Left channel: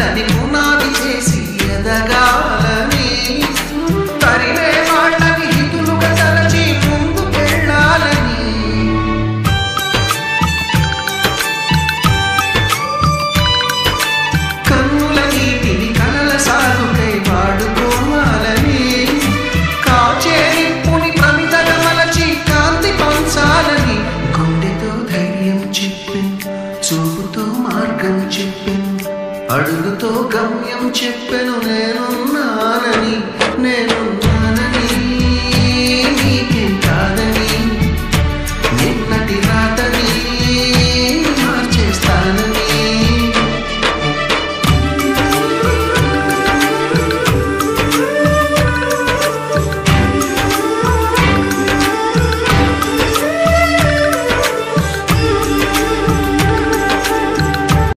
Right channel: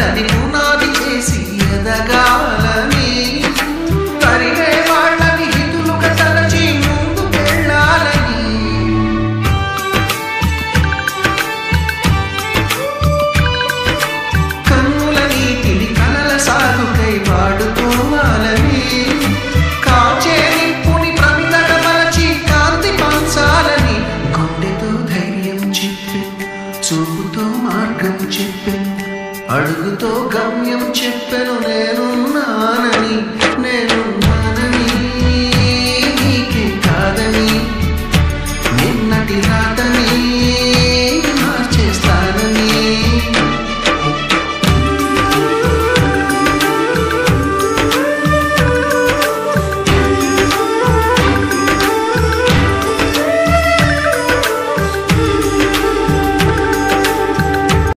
వాళ్ళని పునాది చేసి ఎదగాలని, తరిమే వాళ్ళని హితులుగా తలచి ముందుకెళ్ళాలని, కన్నుల నీటిని కలల సాగుకై వాడుకోవాలని, కాచే నిప్పుని ప్రమిదగా మలచి కాంతి పంచాలని, గుండెతో ధైర్యం చెప్పెను, చూపుతో మార్గం చెప్పెను, అడుగుతో గమ్యం చెప్పెను, నేనున్నానని నీకేం కాదని, నిన్నటి రాతని మార్చేస్తానని.